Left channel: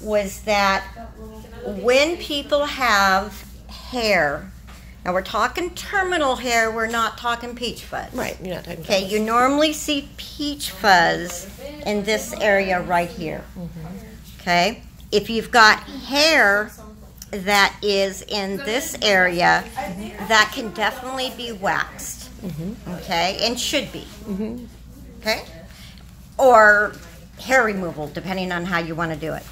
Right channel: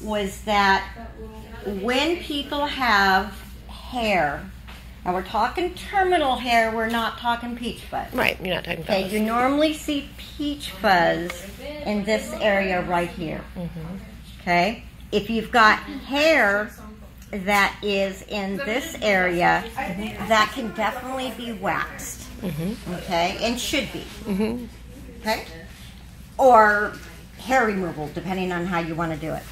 was that when people have hair, now we're talking terminal hair, we're not talking peach fuzz. Right, you're not talking about Okay, you normally see peach fuzz in this area right here. Okay, if you've got hair that is in this area, that can definitely be waxed. Okay, and should be. Okay, or hair removal, depending on how you want to do it.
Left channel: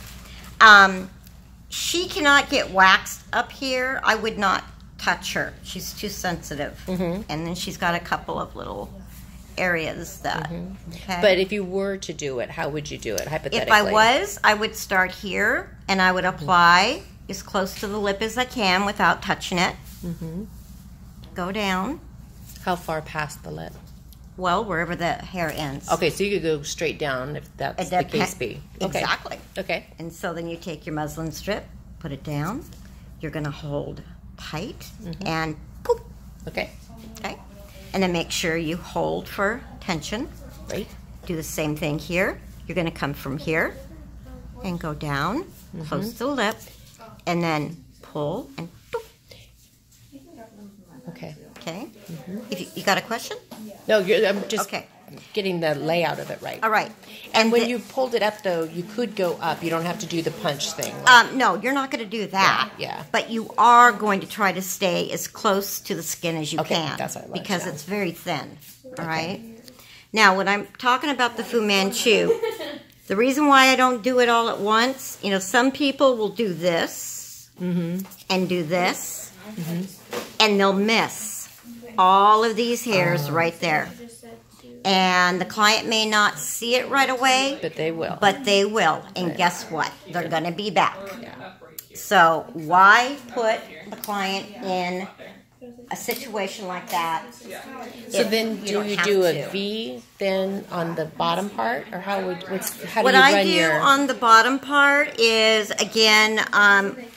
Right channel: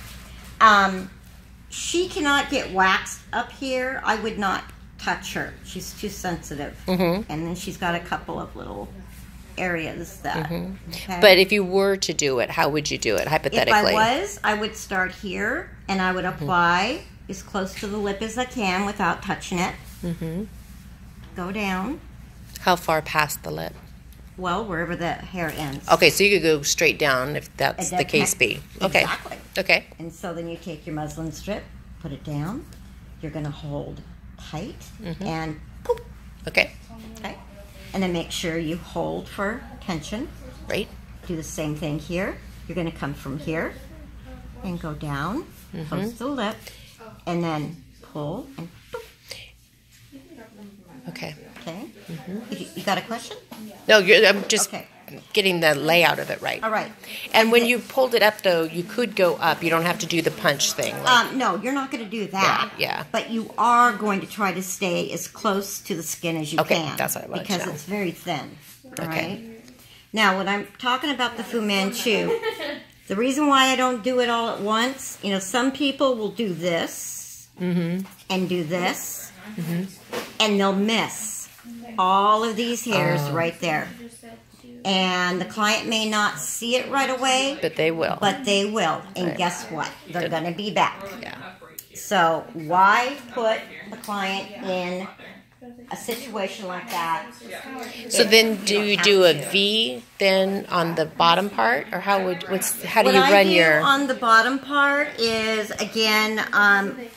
She cannot get waxed up here. I would not touch her. She's too sensitive. And then she's got a couple of little areas that... Okay. But if you were to do it, how would you do it, hypothetically? If I would start here, and I would apply as close to the lip as I can without touching it. Go down. How far past the lip? Well, wherever the hair ends. Okay, so you could go straight down if that's the case be. Okay. Exactly. Okay. And so then you take your muslin strip, put it down. You're going to hold tight and poop. Okay. Okay. And then make sure you hold for tension. Right. Do the same thing here. You're going to come from here and go down, close to the lip, and then pull and boop. Okay. Okay. You got a question? No, I'm just getting the layout of it right. All right. And when you pulled it up, though, you could go up. You don't have to do the punch thing. Like, no, you're not going to do that. Yeah. But you are going to try to stay as close to the skin as you can. That's what I like because to know. it's very thin. All right. Now, when I'm talking about the Fu Manchu, the reason why I don't do it all at once, you know, some people will do this and do this, and they'll miss all of these hairs right there. And the client may not see it right away. But they will. But they will. And guess what? They're going to be back. So why put the client in a situation like that? So then do you do a V then on the bottom part? Or how do you run your... What I do on the bottom part is, again,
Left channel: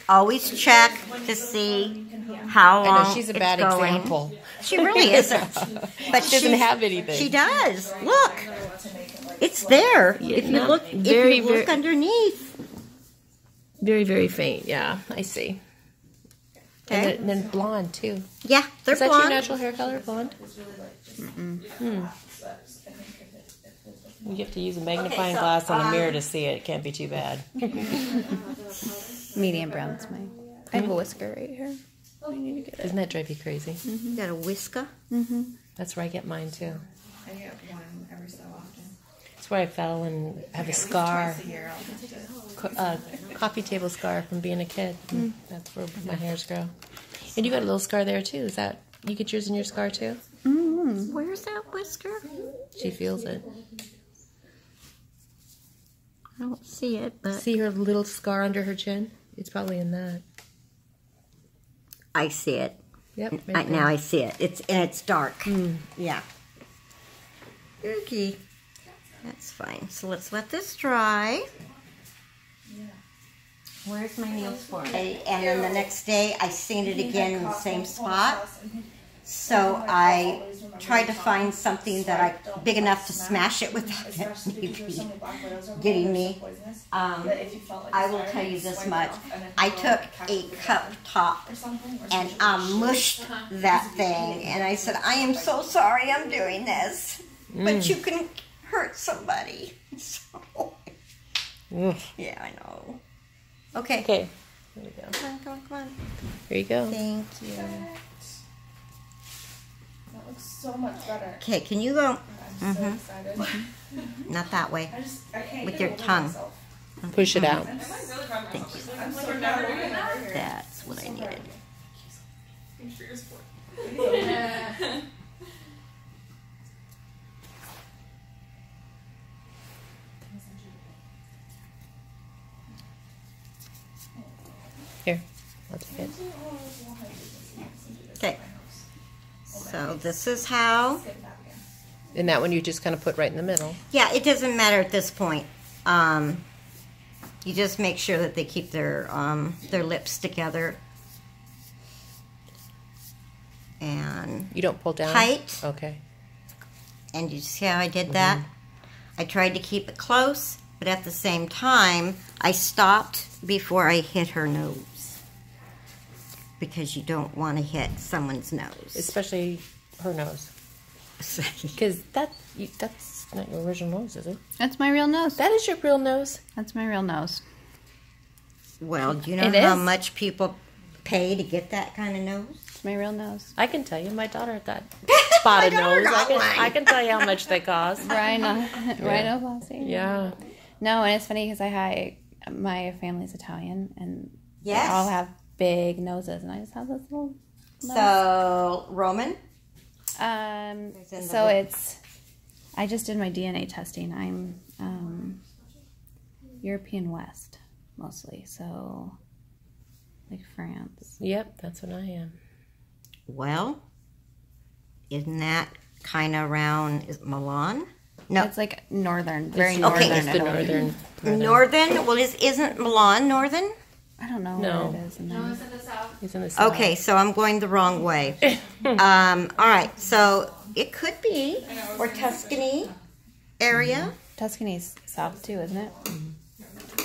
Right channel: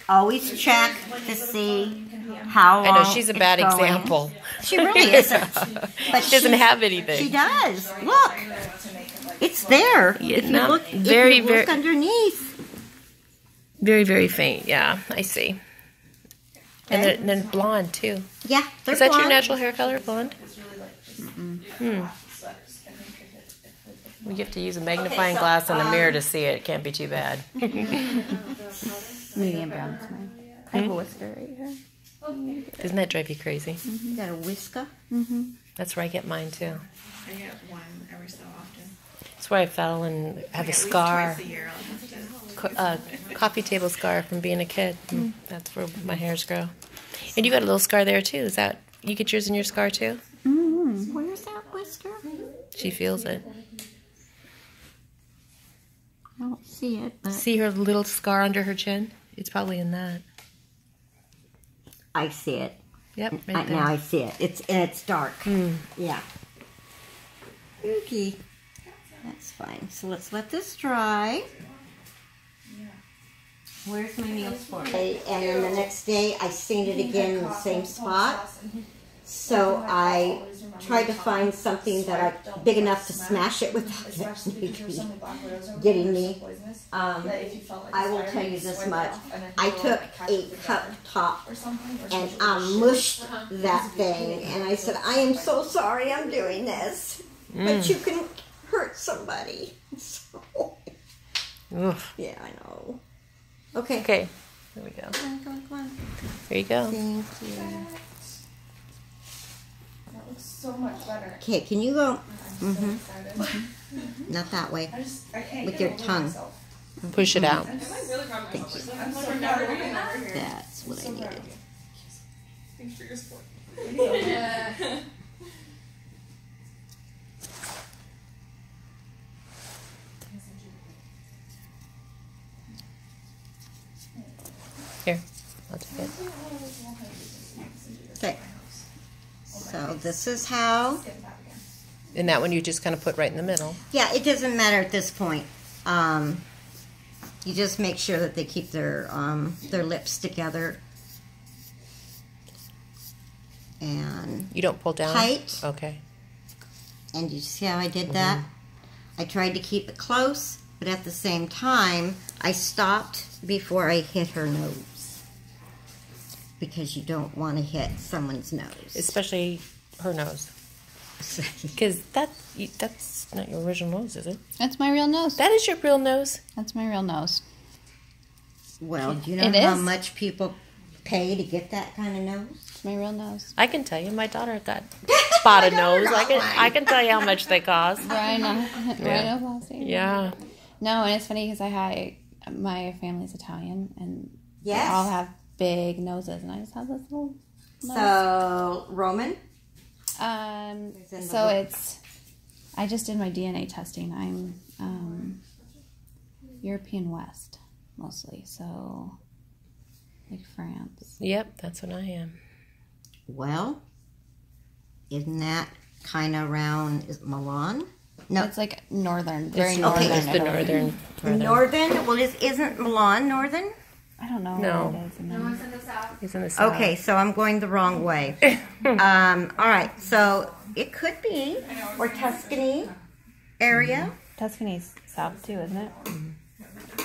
always check to see how long I know, she's a bad example. She really isn't. But she doesn't have anything. She does. Look. It's there. If you look underneath. Very, very faint. Yeah, I see. Okay. And then blonde, too. Yeah, they're blonde. Is that your natural hair color, blonde? We have to use a magnifying glass and a mirror to see it. It can't be too bad. Medium brown's mine. I have a whisper right here. Doesn't that drive you crazy? You got a whisker? That's where I get mine, too. I get one every so often. That's where I fell and have a scar. Coffee table scar from being a kid. That's where my hairs grow. And you got a little scar there, too. Is that... You get yours in your scar, too? Where's that whisker? She feels it. I don't see it, but... See her little scar under her chin? It's probably in that. I see it. Yep. Right now I see it. It's dark. Yeah. Okay. That's fine. So let's let this dry. Where's my Neosporin? Okay, and then the next day I stained it again in the same spot. So I tried to find something that big enough to smash it with getting me. I will tell you this much. I took a cup top and mushed that thing. And I said, I am so sorry I'm doing this. But you can hurt somebody. So, yeah, I know. Okay. Okay. There we go. Come on. There you go. Thank you. That looks so much better. Okay, can you go? I'm so excited. Not that way. I can't With get your over tongue. myself. Push it out. I'm really proud of myself. I'm so never doing it over here. That's what I needed. Thanks for your support. Here, I'll take it. Okay. So this is how. And that one you just kind of put right in the middle. Yeah, it doesn't matter at this point. You just make sure that they keep their lips together. And you don't pull down? Tight. Okay. And you see how I did that? I tried to keep it close, but at the same time, I stopped before I hit her nose. Because you don't want to hit someone's nose. Especially her nose. Because that's not your original nose, is it? That's my real nose. That is your real nose. That's my real nose. Well, do you know It how is. much people pay to get that kind of nose? It's my real nose. I can tell you, my daughter got spotted nose. I can tell you how much they cost. Rhinoplasty. Yeah. No, and it's funny because my family's Italian, and Yes. they all have big noses, and I just have this little nose. So, Roman? in the So book. I just did my DNA testing. I'm European West mostly, so like France. Yep, that's what I am. Well, isn't that kind of around, is it Milan? No. It's like northern, very okay, northern. it's The Italy. northern. Northern? Well, isn't Milan northern? I don't know No. where it is. No, it's in the south. He's in the south. Okay, so I'm going the wrong way. All right, so it could be, or Tuscany area. Tuscany's south too, isn't it?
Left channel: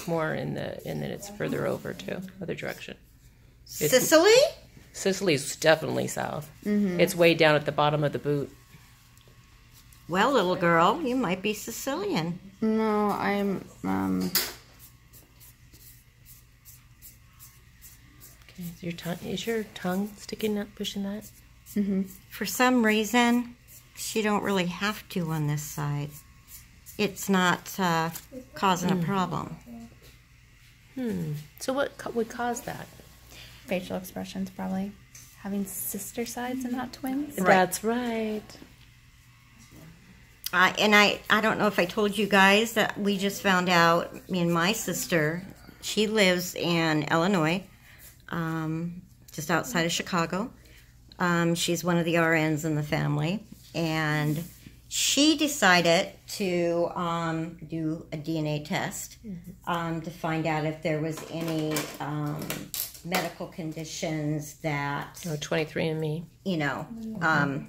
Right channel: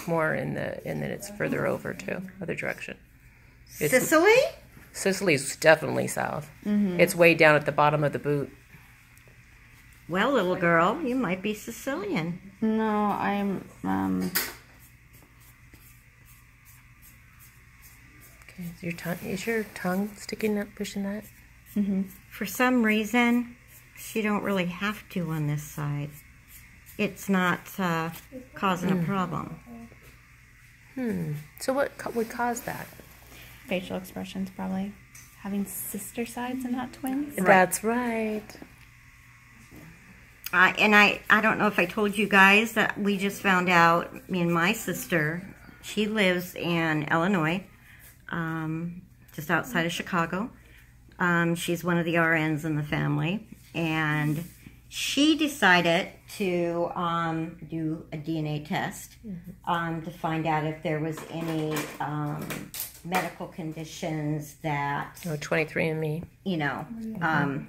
More and then it's further over too, other direction. It's- Sicily? Sicily's definitely south. Mm-hmm. It's way down at the bottom of the boot. Well, little girl, you might be Sicilian. No, I'm Okay, is your tongue sticking up, pushing that? For some reason, she don't really have to on this side. It's not causing a problem. So what would cause that? facial expressions probably. Having sister sides and not twins. That's right. I don't know if I told you guys that we just found out, me and my sister, she lives in Illinois, just outside of Chicago. She's one of the RNs in the family, and she decided to do a DNA test to find out if there was any medical conditions that, Oh, 23andMe. you know, Gosh, on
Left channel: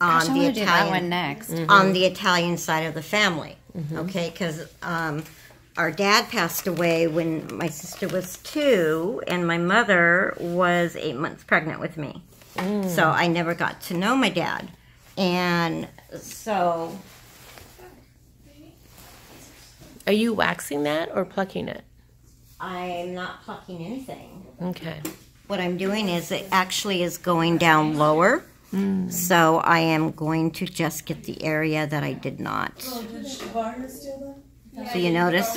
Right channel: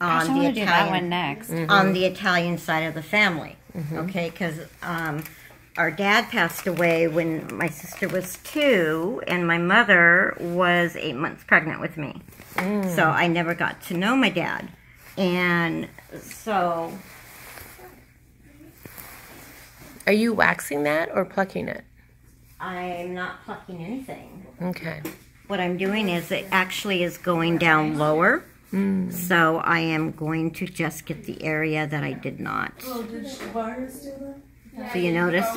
I the want to do that one Italian next. on the Italian side of the family. Okay, because our dad passed away when my sister was 2, and my mother was 8 months pregnant with me. So I never got to know my dad, and so Are you waxing that or plucking it? I'm not plucking anything. Okay. What I'm doing is it actually is going down lower. So I am going to just get the area that I did not. Oh, did Vargas do that? So you notice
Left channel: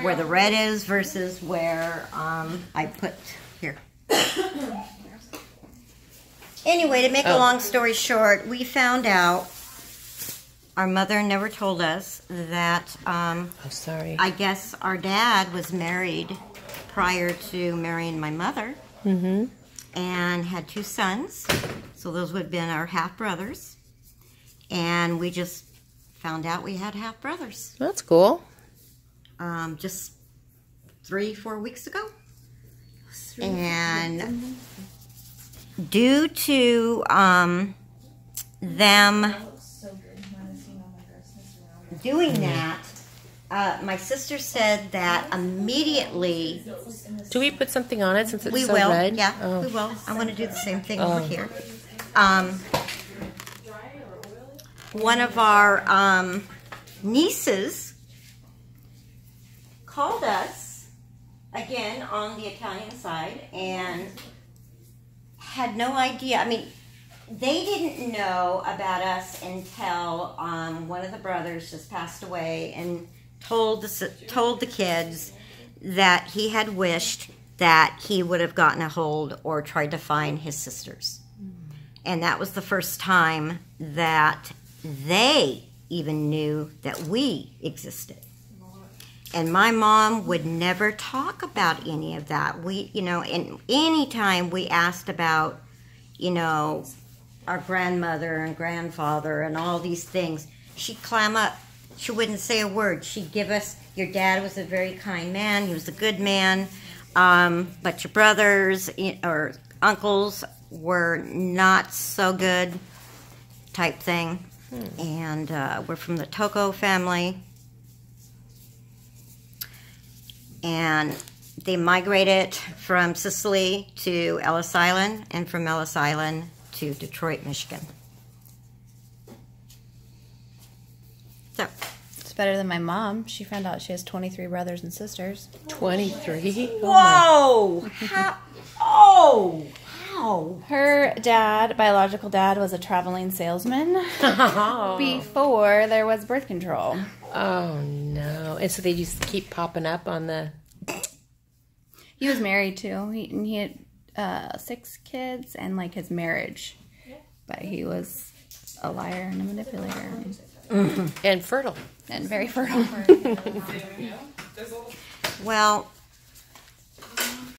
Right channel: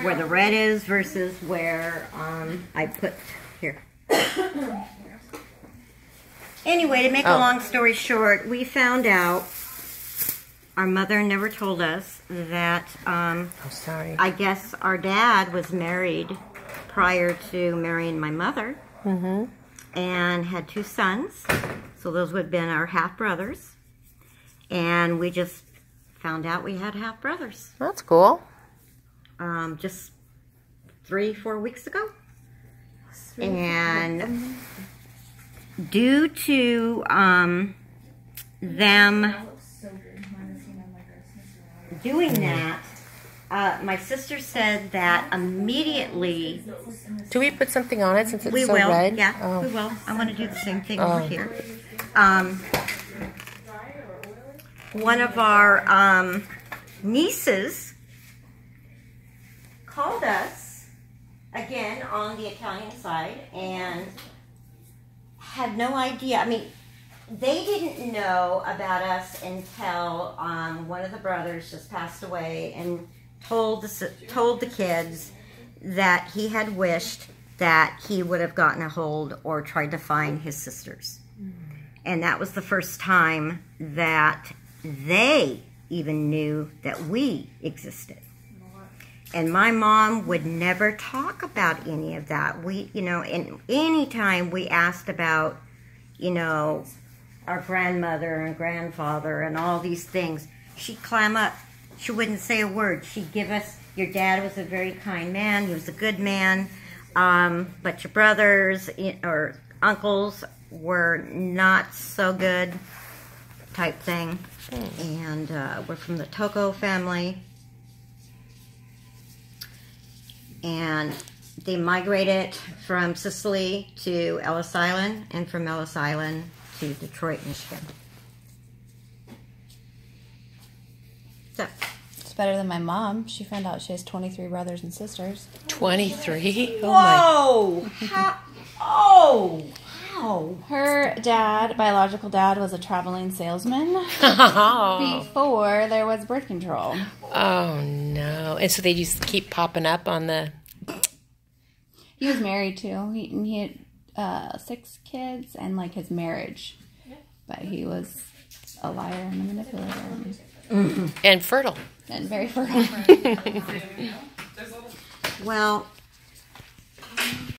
where the red is versus where I put here. Anyway, to make a long story short, we found out, our mother never told us that Oh, sorry. I guess our dad was married prior to marrying my mother. And had 2 sons. So those would have been our half-brothers. And we just found out we had half-brothers. That's cool. Just 3-4 weeks ago. And due to them doing that, my sister said that immediately Do we put something on it since it's we so will. red? Yeah, Oh. we will. I'm going to do the same thing over here. One of our nieces called us again on the Italian side and had no idea. I mean, they didn't know about us until one of the brothers just passed away and told the kids that he had wished that he would have gotten a hold or tried to find his sisters. And that was the first time that they even knew that we existed. And my mom would never talk about any of that. We, you know, and any time we asked about, you know, our grandmother and grandfather and all these things, she'd climb up. She wouldn't say a word. She'd give us, your dad was a very kind man. He was a good man. But your brothers or uncles were not so good type thing. And we're from the Tocco family. and they migrated from Sicily to Ellis Island, and from Ellis Island to Detroit, Michigan. So, It's better than my mom. She found out she has 23 brothers and sisters. 23? whoa! Oh! Her dad, biological dad, was a traveling salesman Oh. before there was birth control. Oh, no. And so they just keep popping up on the... He was married too. He had 6 kids and like his marriage, but he was a liar and a manipulator And fertile. and very fertile. Well,